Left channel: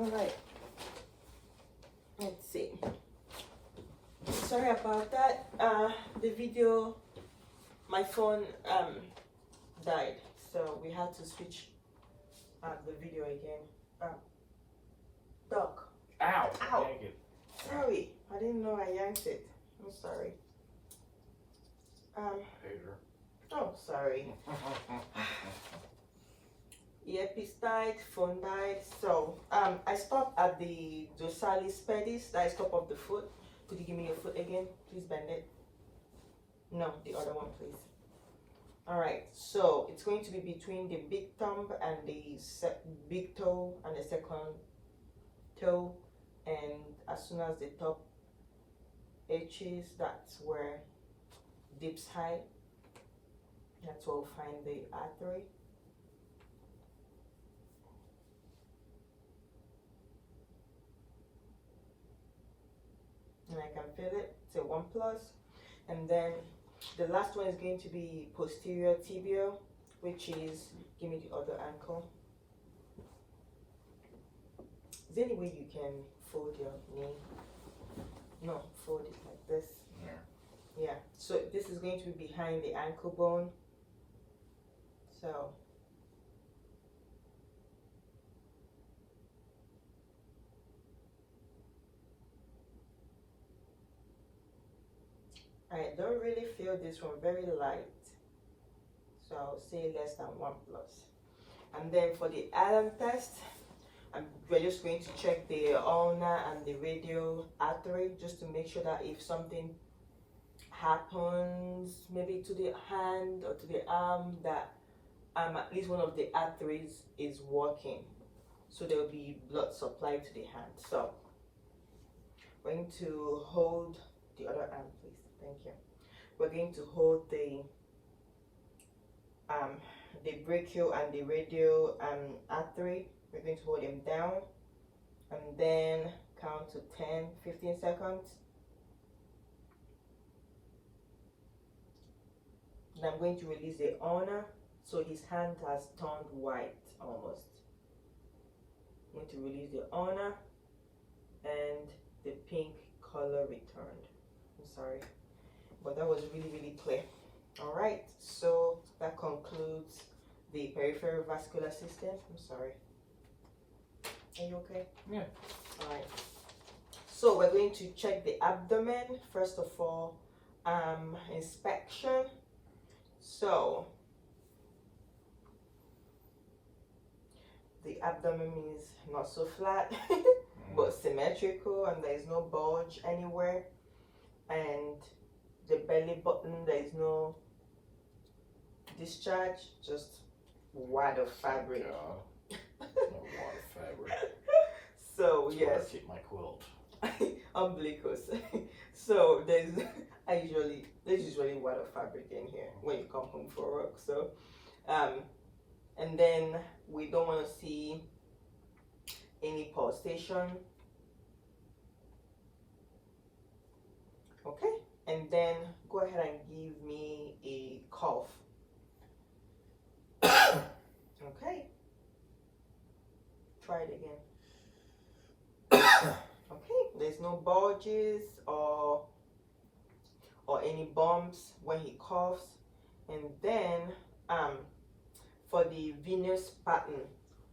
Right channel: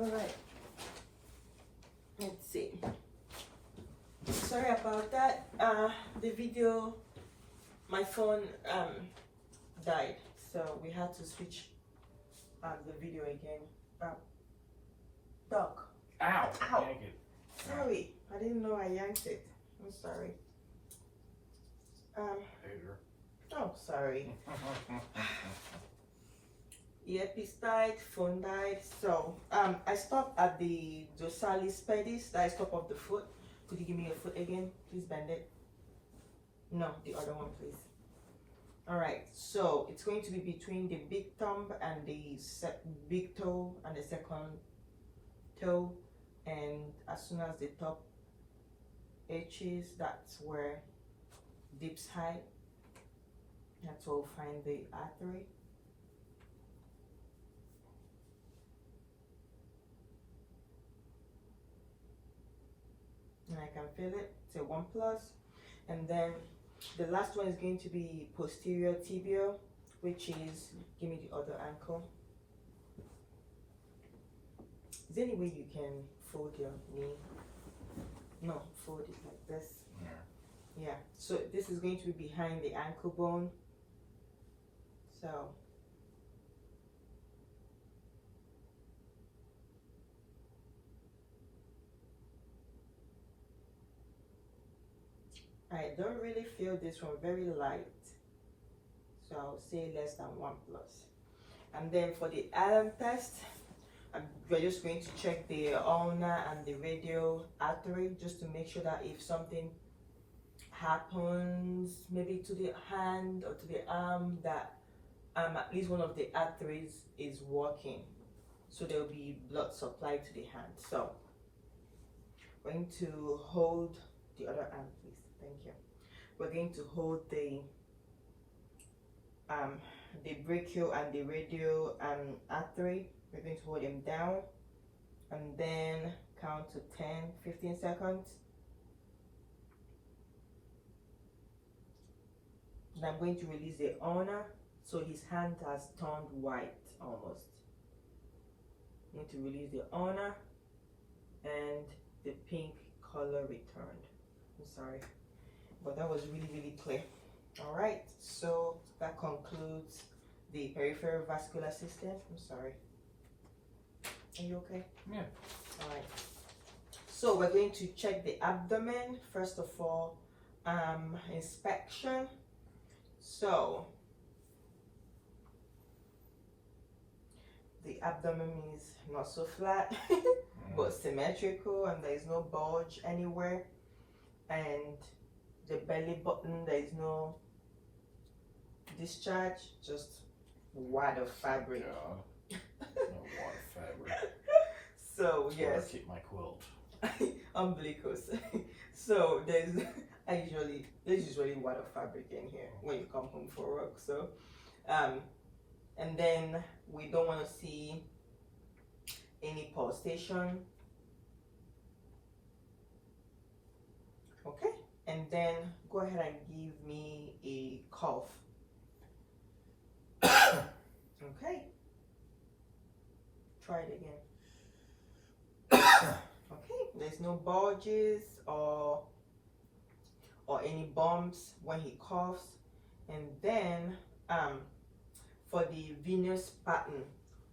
All right. Let's see. Sorry about that. The video, my phone died, so we had to switch the video again. Dog. Ow! Ow. Yank it. Sorry, I didn't know I yanked it. I'm sorry. Hater. Oh, sorry. Earpiece died, phone died. So I stopped at the dorsalis pedis. That is top of the foot. Could you give me your foot again? Please bend it. No, the other one, please. All right. So it's going to be between the big thumb and the big toe and the second toe, and as soon as the top edges, that's where dips high. That's where we'll find the artery. And I can feel it. It's a 1+. And then the last one is going to be posterior tibia, which is, give me the other ankle. Is there any way you can fold your knee? No, fold it like this. Yeah, so this is going to be behind the ankle bone. So I don't really feel this one, very light. So I'll say less than 1+. And then for the Allen test, we're just going to check the ulnar and the radial artery just to make sure that if something happens maybe to the hand or to the arm, that at least one of the arteries is working, so there will be blood supply to the hand. So we're going to hold the other arm, please. Thank you. We're going to hold the brachial and the radial artery. We're going to hold them down and then count to 10-15 seconds. And I'm going to release the ulnar, so his hand has turned white almost. I'm going to release the ulnar and the pink color returned. I'm sorry, but that was really clear. All right, so that concludes the peripheral vascular system. I'm sorry. Are you okay? Yeah. All right. So we're going to check the abdomen first of all. Inspection. So the abdomen is not so flat, but symmetrical, and there is no bulge anywhere. And the belly button, there is no discharge, just wad of fabric. God. No water fabric. So That's where yes, I keep my quilt. umbilicus. So there's usually wad of fabric in here when you come home for work. So and then we don't want to see any pulsation. Okay, and then go ahead and give me a cough. Okay, try it again. Okay, there's no bulges or any bumps when he coughs. And then for the venous pattern,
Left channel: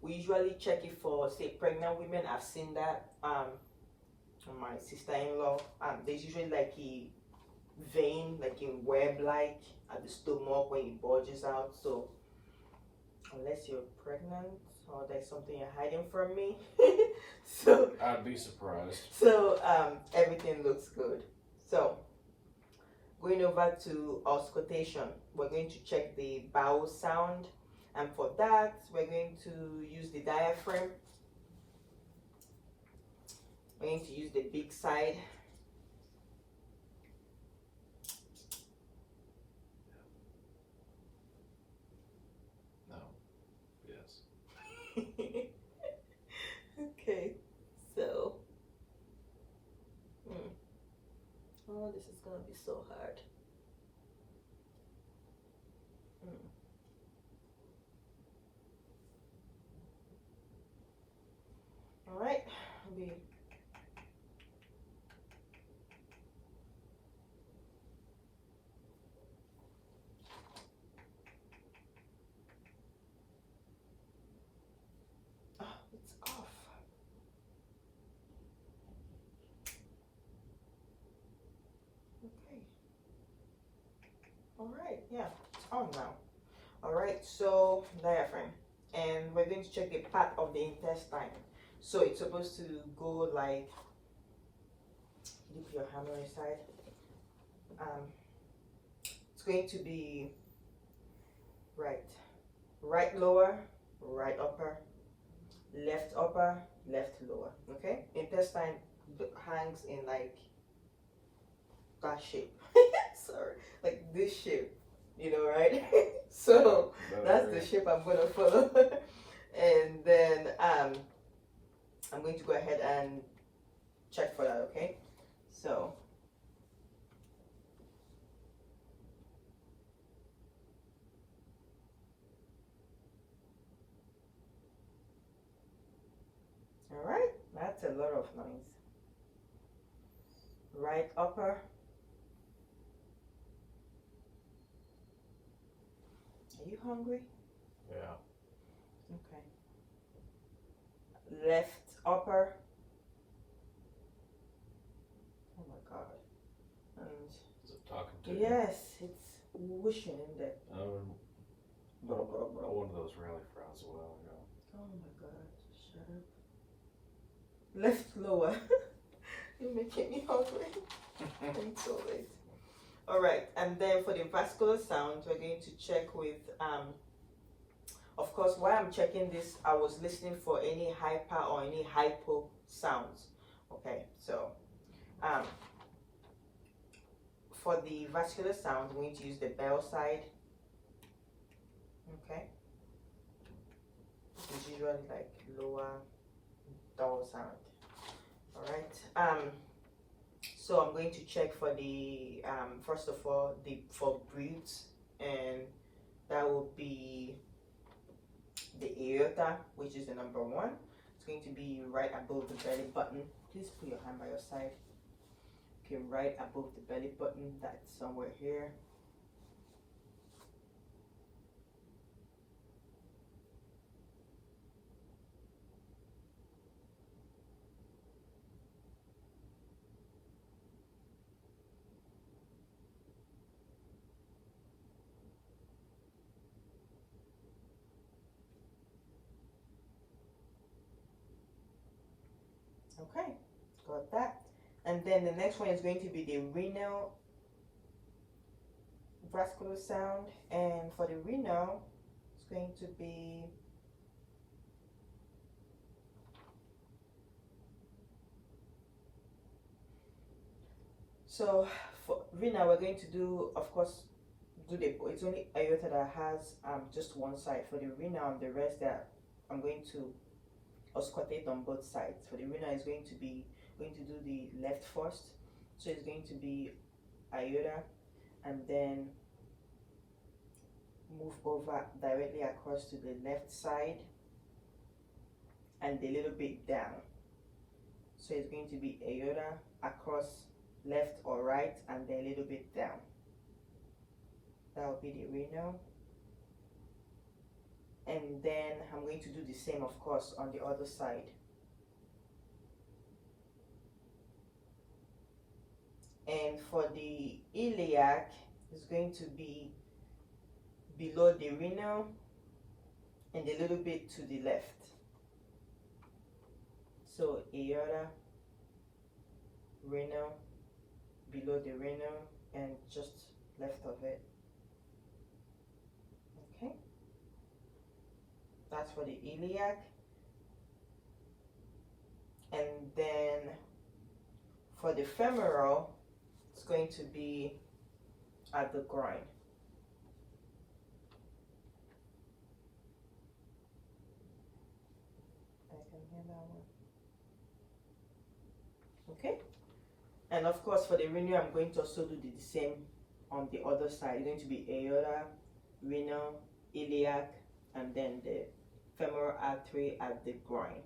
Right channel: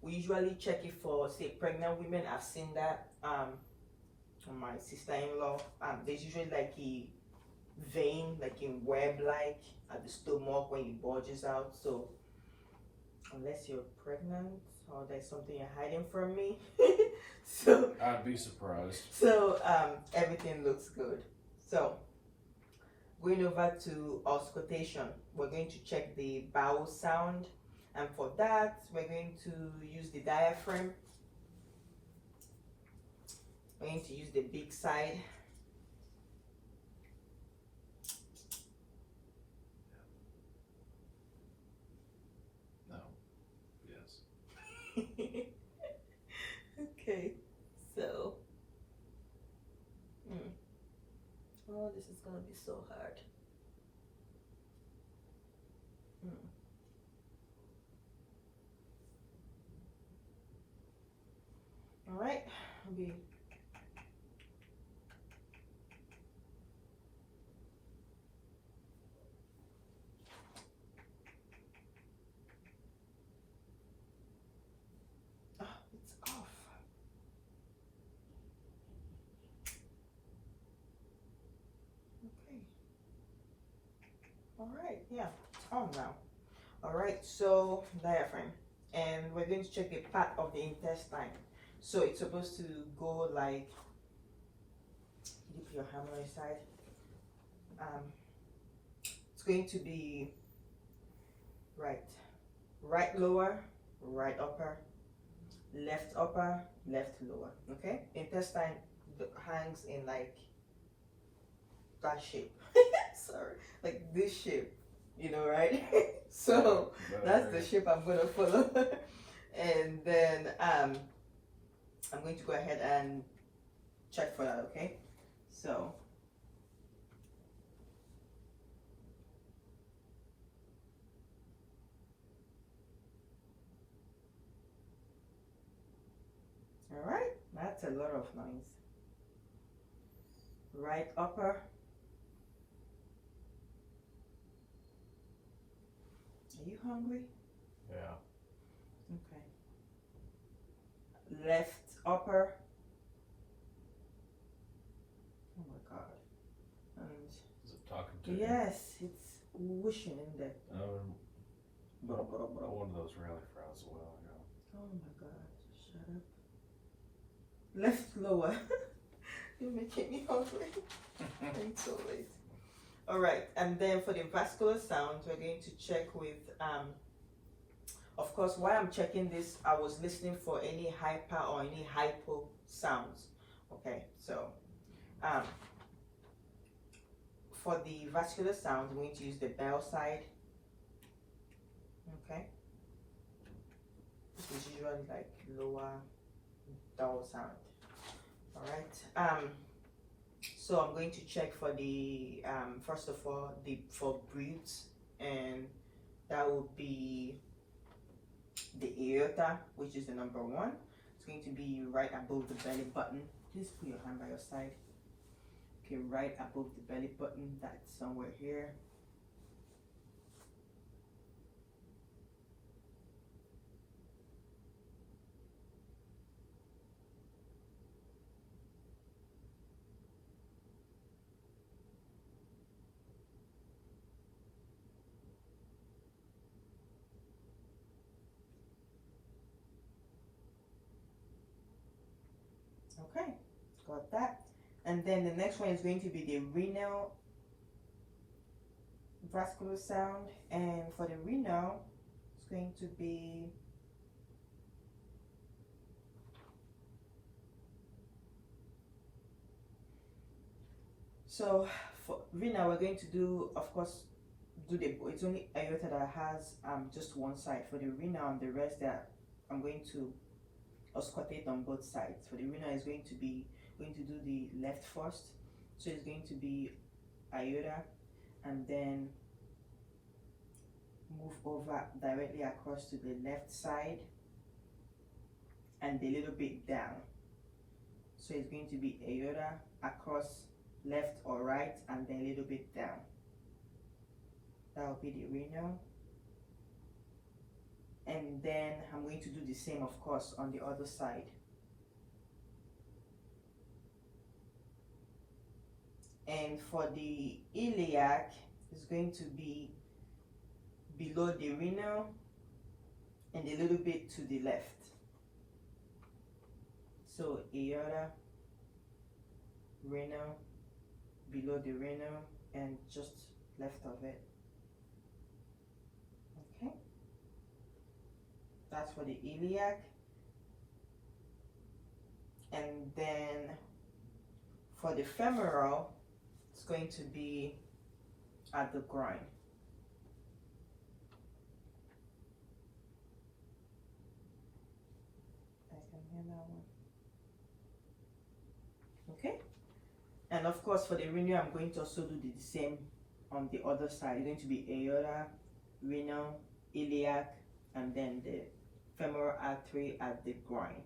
we usually check it for, say, pregnant women. I've seen that my sister-in-law, there's usually like a vein, like a web-like at the stomach when it bulges out. So unless you're pregnant or there's something you're hiding from me, so I'd be surprised. so everything looks good. So going over to auscultation, we're going to check the bowel sound, and for that we're going to use the diaphragm. We're going to use the big side. No. Yes. Okay, so oh, this is gonna be so hard. All right, be. Oh, it's off. Okay. All right. Yeah, it's on now. All right. So diaphragm, and we're going to check the part of the intestine. So it's supposed to go like. Dip your hand on your side. It's going to be right lower, right upper, left upper, left lower. Okay, intestine hangs in like that shape. Sorry, like this shape, right? So that's the shape I'm gonna follow. And then I'm going to go ahead and check for that. Okay, so all right, that's a lot of noise. Right upper. Are you hungry? Yeah. Okay. Left upper. Oh my god. And Is it talking to you? yes, it's whooshing in there. I one of those really fries a while ago. Oh my god, shut up. Left lower. You're making me hungry. It's so late. Alright, and then for the vascular sound, we're going to check with of course, while I'm checking this, I was listening for any hyper or any hypo sounds. Okay, so for the vascular sound, we're going to use the bell side. Okay, it's usually like lower dull sound. All right. So I'm going to check for the first of all for breaths, and that will be the aorta, which is the number one. It's going to be right above the belly button. Please put your hand by your side. Okay, right above the belly button. That's somewhere here. Okay, got that. And then the next one is going to be the renal vascular sound. And for the renal, it's going to be so for renal, we're going to do, of course, it's only aorta that has just one side. For the renal and the rest that I'm going to auscultate on both sides. For the renal is going to do the left first, so it's going to be aorta, and then move over directly across to the left side and a little bit down. So it's going to be aorta across left or right and then a little bit down. That will be the renal. And then I'm going to do the same, of course, on the other side. And for the iliac, it's going to be below the renal and a little bit to the left. So aorta, renal, below the renal, and just left of it. Okay. That's for the iliac. And then for the femoral, it's going to be at the groin. I can hear that one. Okay. And of course for the renal, I'm going to also do the same on the other side. It's going to be aorta, renal, iliac, and then the femoral artery at the groin.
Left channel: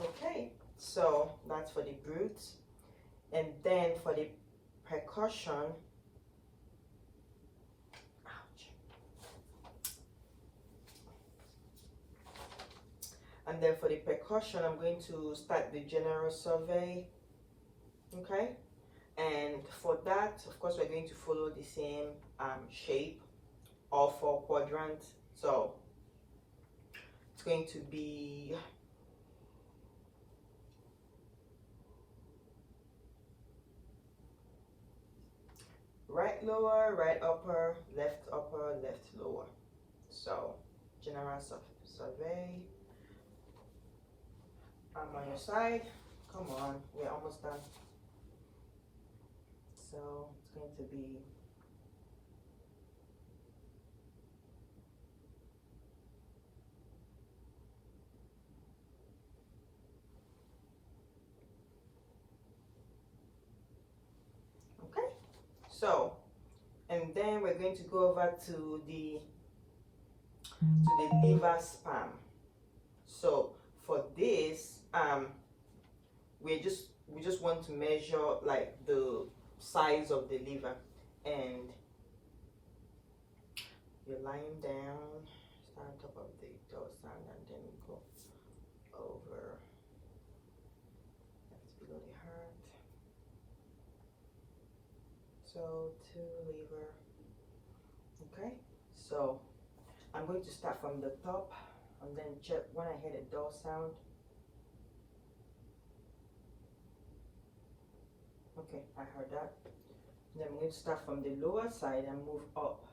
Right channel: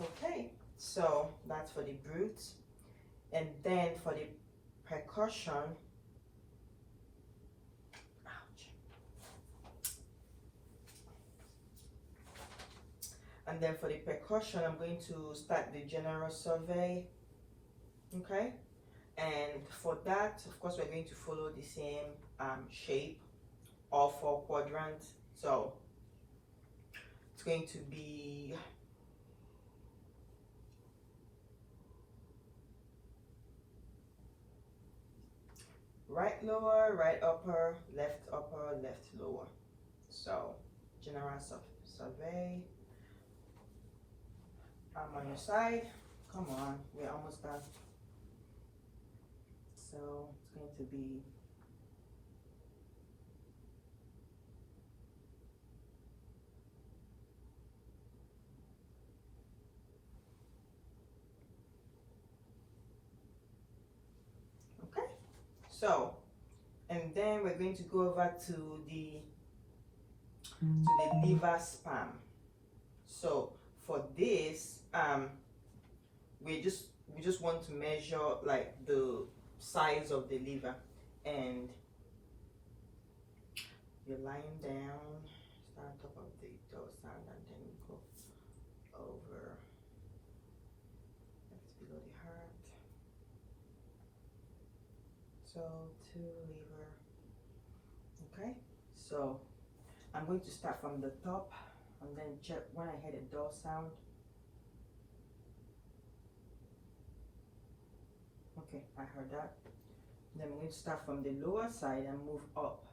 Okay, so that's for the glutes. And then for the percussion, ouch. And then for the percussion, I'm going to start the general survey. Okay, and for that, of course, we're going to follow the same shape, all 4 quadrants. So it's going to be right lower, right upper, left lower. So general survey. I'm on your side. Come on, we're almost done. So it's going to be okay. So, and then we're going to go over to the liver span. So for this, we just want to measure like the size of the liver, and you're lying down, start on top of the dorsal, and then we go over. That's below the heart. So to liver. Okay, so I'm going to start from the top, and then check when I hear the door sound. Okay, I heard that. Then I'm going to start from the lower side and move up.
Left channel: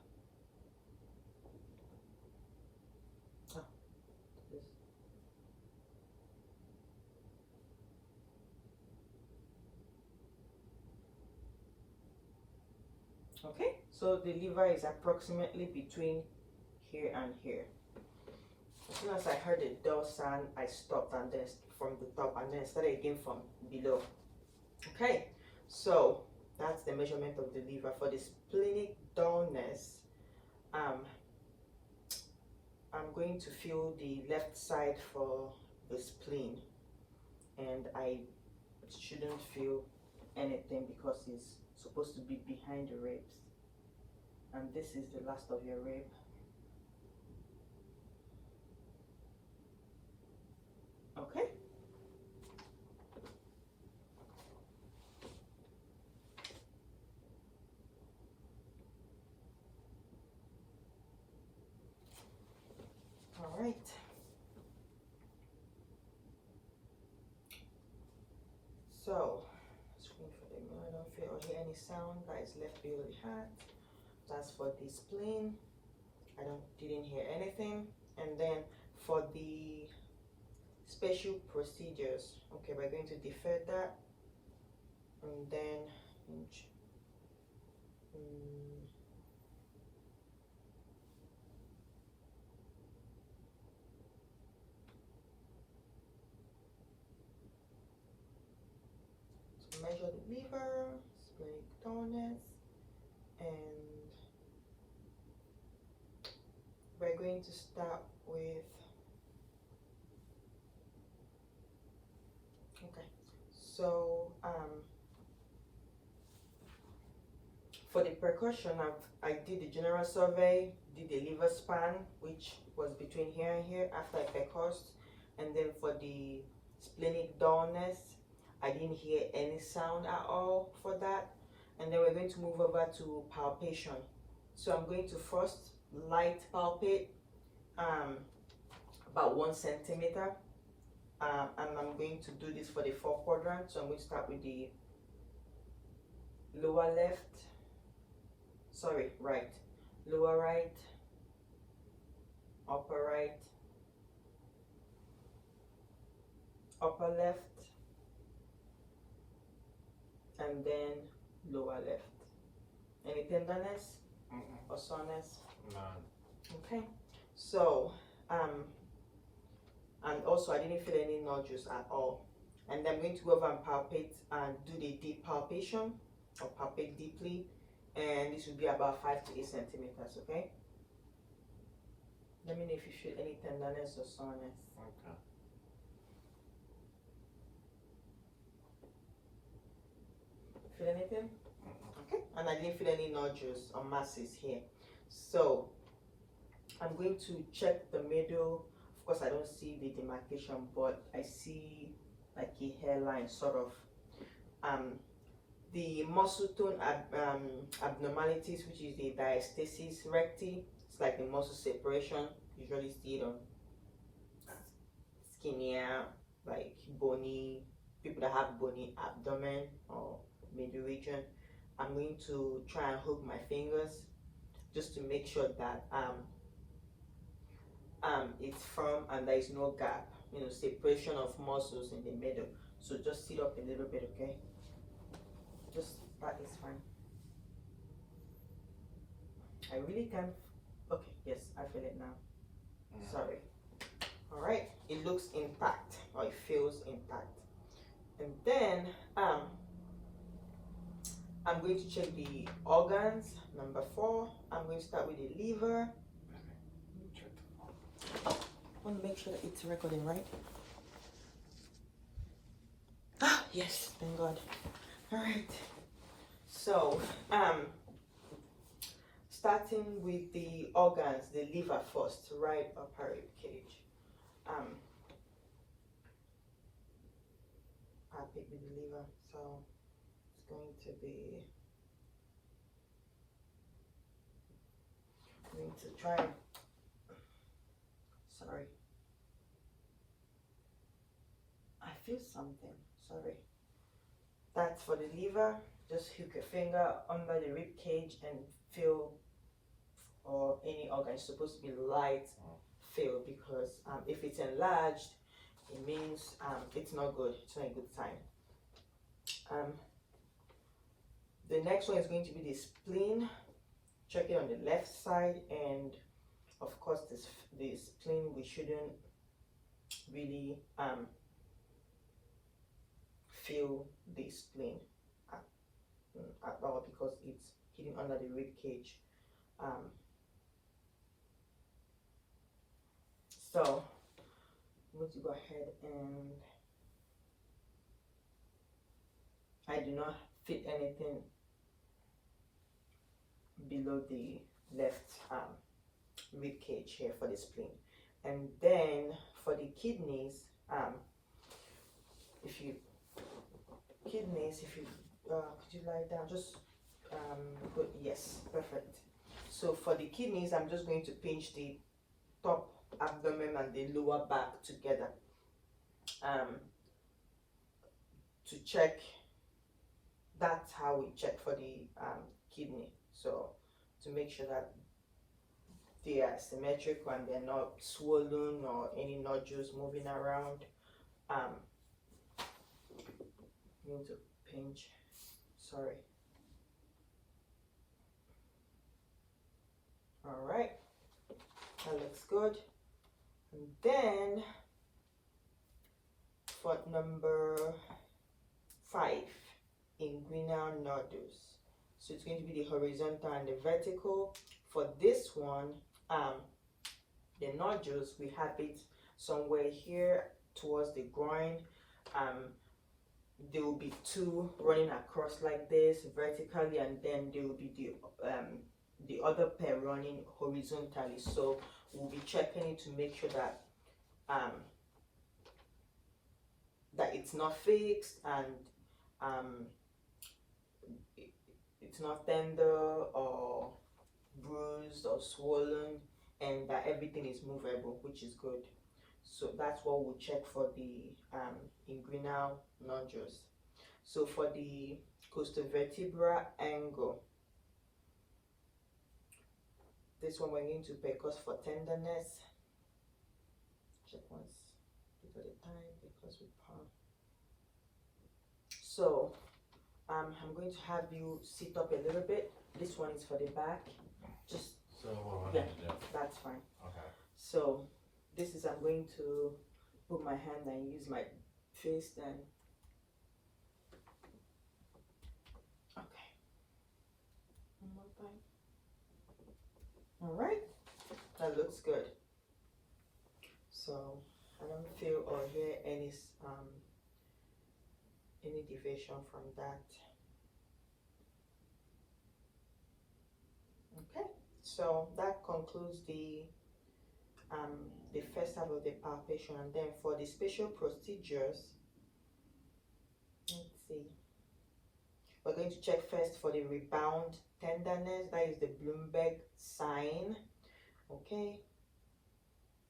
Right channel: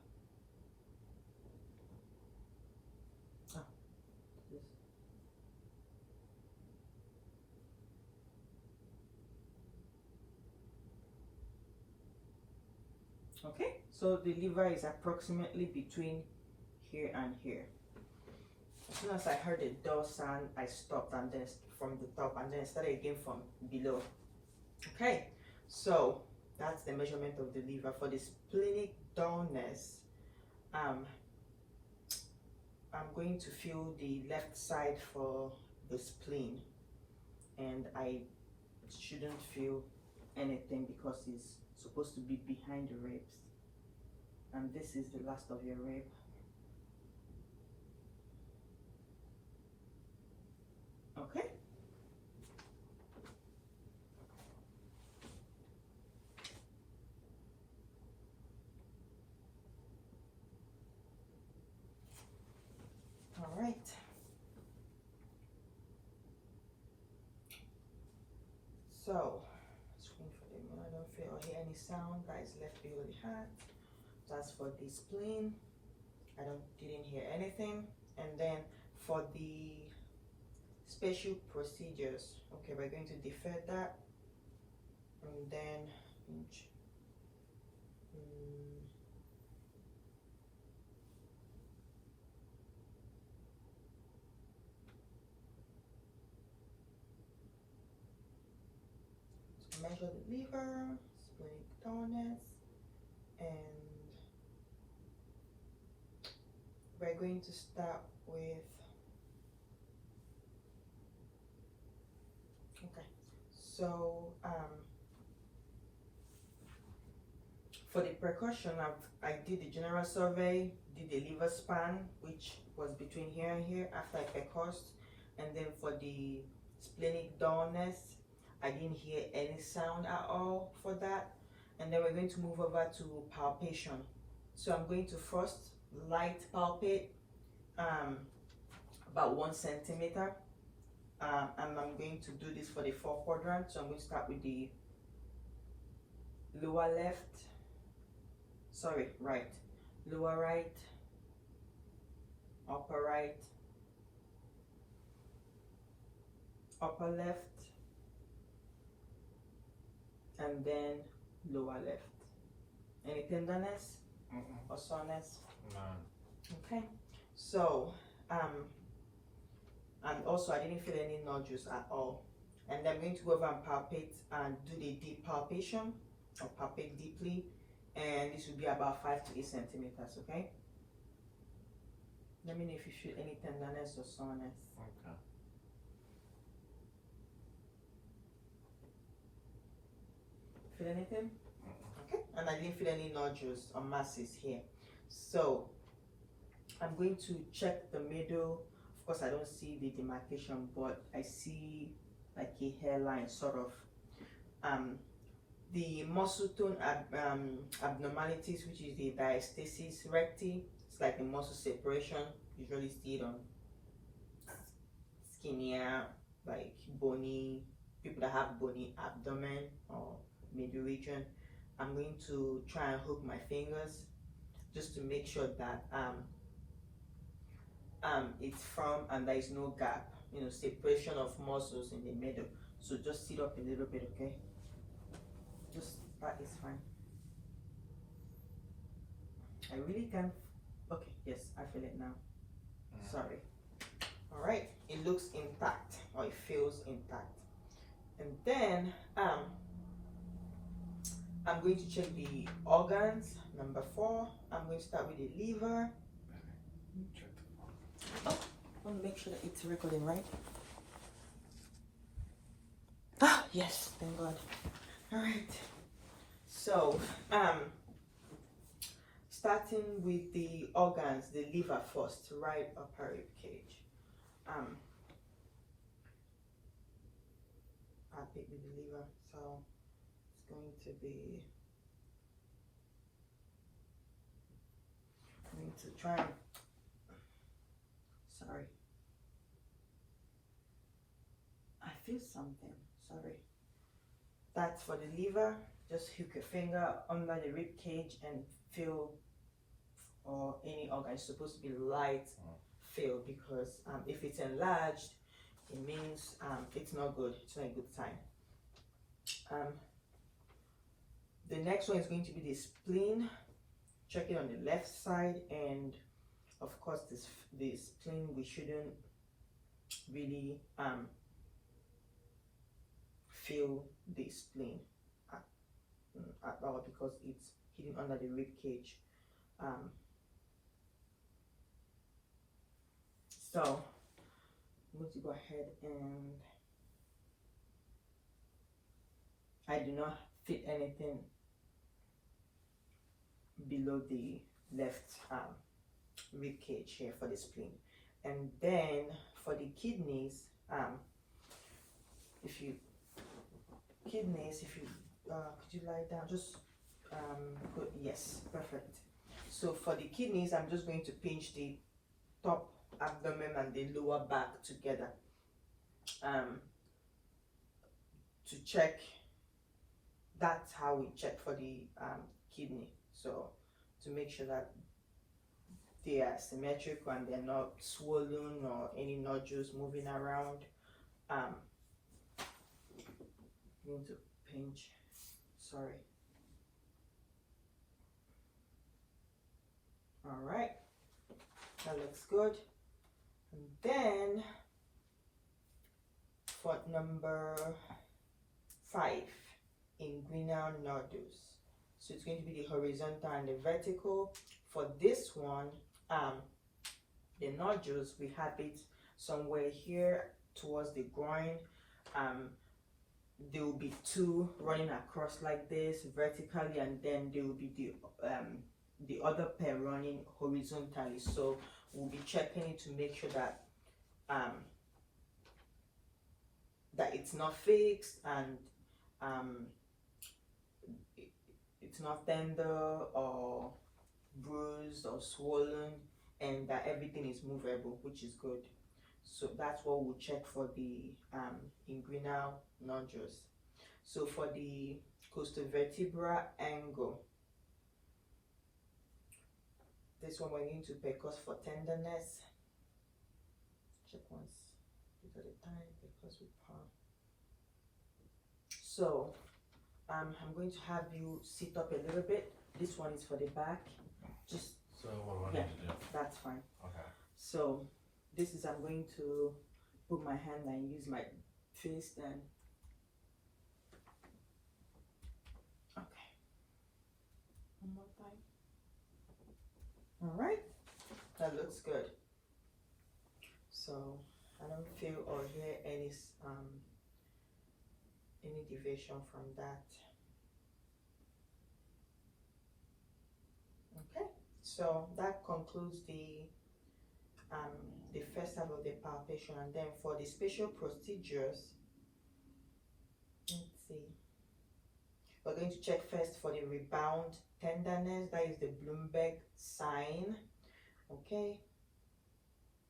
Okay, so the liver is approximately between here and here. As soon as I heard the door sound, I stopped, and then from the top, and then I started again from below. Okay, so that's the measurement of the liver. For the splenic dullness, I'm going to feel the left side for the spleen, and I shouldn't feel anything because it's supposed to be behind the ribs, and this is the last of your rib. Okay. All right. So, screen for the I don't feel or hear any sound that is left below the heart. That's for the spleen. Didn't hear anything. And then for the special procedures, okay, we're going to defer that, and then to measure the liver, splenic dullness, and we're going to start with, okay, so for the percussion, I did the general survey, did the liver span, which was between here and here after I percussed, and then for the splenic dullness, I didn't hear any sound at all for that. And then we're going to move over to palpation. So I'm going to first light palpate about 1 centimeter, and I'm going to do this for the 4 quadrants. So I'm going to start with the lower right, lower right, upper right, upper left, and then lower left. Any tenderness or soreness? None. Okay, so and also I didn't feel any nodules at all. And I'm going to go over and palpate and do the deep palpation, or palpate deeply, and this will be about 5 to 8 centimeters. Okay, let me know if you feel any tenderness or soreness. Okay. feel anything? Okay, and I didn't feel any nodules or masses here. So I'm going to check the middle. Of course, I don't see the demarcation, but I see like a hairline sort of. The muscle tone abnormalities, which is the diastasis recti, it's like the muscle separation. Usually see it on skinnier, like bony people that have bony abdomen or middle region. I'm going to try and hook my fingers just to make sure that it's firm and there is no gap, you know, separation of muscles in the middle. So just sit up a little bit, okay? Just that is fine. I really can't. Okay, yes, I feel it now. Sorry. All right, it looks intact, or it feels intact. And then I'm going to check the organs. Number 4, I'm going to start with the liver. I want to make sure that it's recording, right? Ah, yes, thank God. All right. So, starting with the organs, the liver first, right upper rib cage. I'll pick with the liver, so it's going to be. I need to try. Sorry. I feel something. Sorry. That's for the liver. Just hook your finger under the rib cage and feel, or any organ is supposed to be light, feel, because if it's enlarged, it means it's not good. It's not a good sign. The next one is going to be the spleen. Check it on the left side, and of course the spleen, we shouldn't really feel the spleen at all because it's hidden under the rib cage. So I'm going to go ahead, and I do not fit anything below the left rib cage here for the spleen. And then for the kidneys, if you could you lie down, just put, yes, perfect. So for the kidneys, I'm just going to pinch the top abdomen and the lower back together to check. That's how we check for the kidney, so to make sure that they are symmetrical and they're not swollen or any nodules moving around. Need to pinch, sorry. All right, that looks good. And then for number 5, inguinal nodules. So it's going to be the horizontal and the vertical. For this one, the nodules, we have it somewhere here towards the groin. There will be 2 running across like this vertically, and then there will be the other pair running horizontally. So we'll be checking it to make sure that that it's not fixed and it's not tender or bruised or swollen, and that everything is movable, which is good. So that's what we'll check for the inguinal nodules. So for the costovertebral angle, this one we're going to percuss for tenderness. Check once at a time because we palm. So I'm going to have you sit up a little bit. This one is for the back. Just so what do I need to do? That's fine. Okay. So this is, I'm going to put my hand and use my face then. Okay. One more time. All right. That looks good. So I don't feel or hear any deviation from that. So that concludes the first half of the palpation, and then for the special procedures, let's see. We're going to check first for the rebound tenderness. That is the Bloomberg sign. Okay.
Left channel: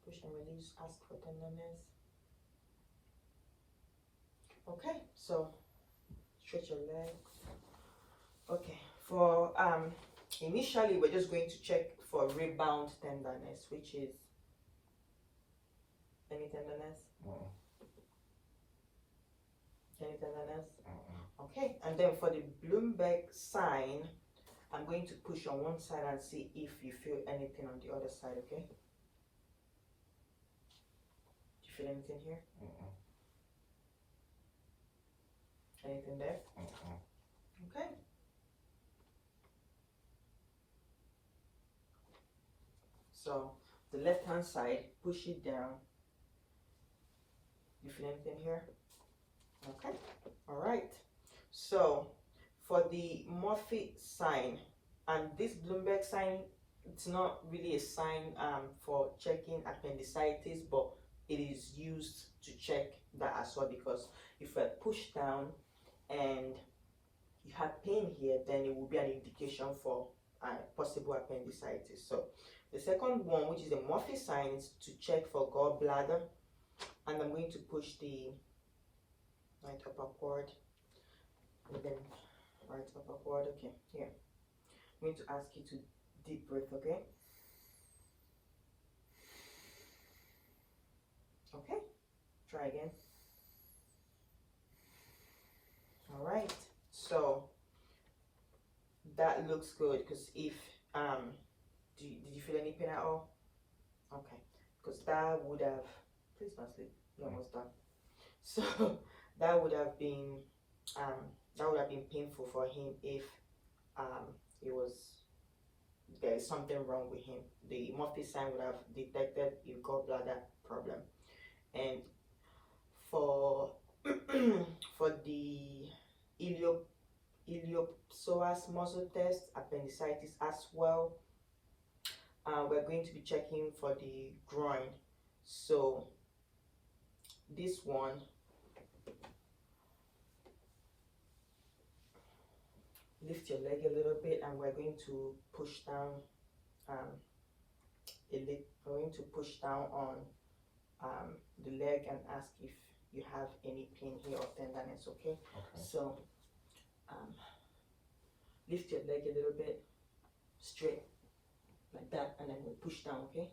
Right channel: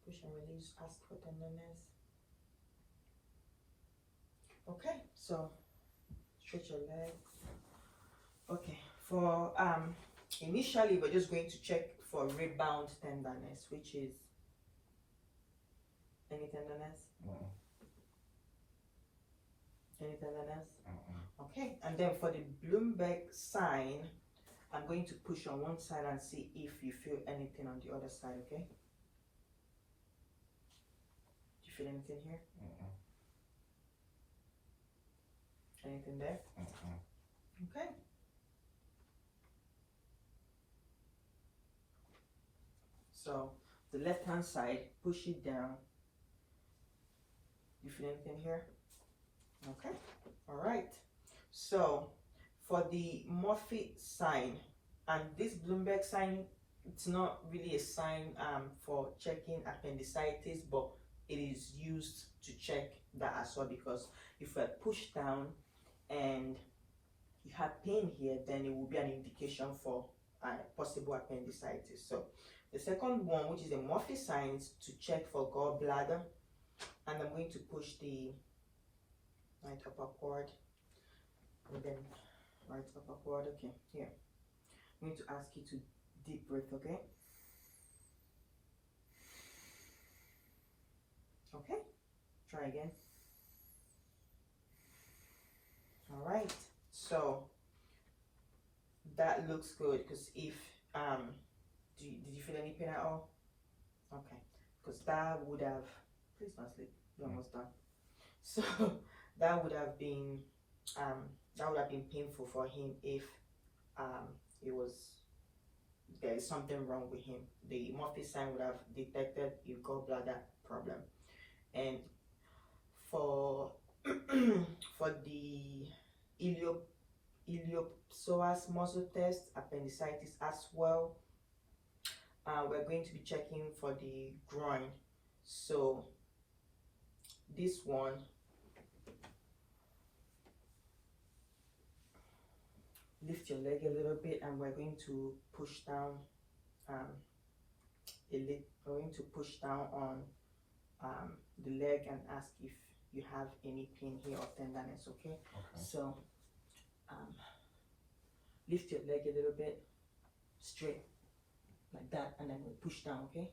Push and release. Ask for tenderness. Okay. So stretch your legs. Okay. For initially, we're just going to check for rebound tenderness, which is any tenderness. Any tenderness. Okay, and then for the Bloomberg sign, I'm going to push on one side and see if you feel anything on the other side, okay? Do you feel anything here? Anything there? Okay. So the left hand side, push it down. You feel anything here? Okay, all right. So for the Murphy sign, and this Bloomberg sign, it's not really a sign for checking appendicitis, but it is used to check that as well, because if we're pushed down and you have pain here, then it will be an indication for possible appendicitis. So the second one, which is the Murphy sign, is to check for gallbladder, and I'm going to push the right upper quad, and then right upper quad. Okay, here. I'm going to ask you to deep breath, okay? Okay, try again. All right, so that looks good, because if did you feel any pain at all? Okay, because that would have, please don't sleep, you're almost done. So that would have been painful for him if there is something wrong with him. The Murphy sign would have detected a gallbladder problem. And for for the iliopsoas muscle test, appendicitis as well, we're going to be checking for the groin. So this one, lift your leg a little bit, and we're going to push down we're going to push down on the leg and ask if you have any pain here or tenderness. Okay, so lift your leg a little bit straight like that, and then we'll push down. Okay.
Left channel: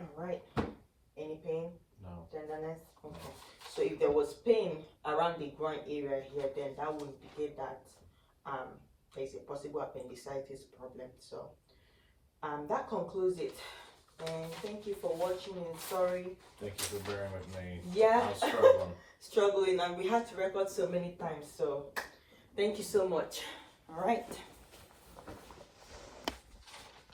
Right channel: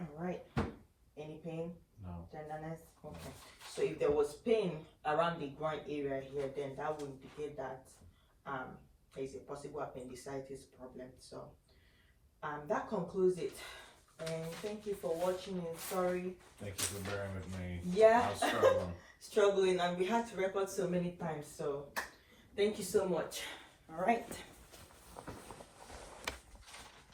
All right, any pain? No. Tenderness? Okay. So if there was pain around the groin area here, then that would indicate that there is a possible appendicitis problem. So that concludes it. And thank you for watching, and sorry. Thank you for bearing with me. Yeah. I was struggling. Struggling, and we had to record so many times. So thank you so much. All right.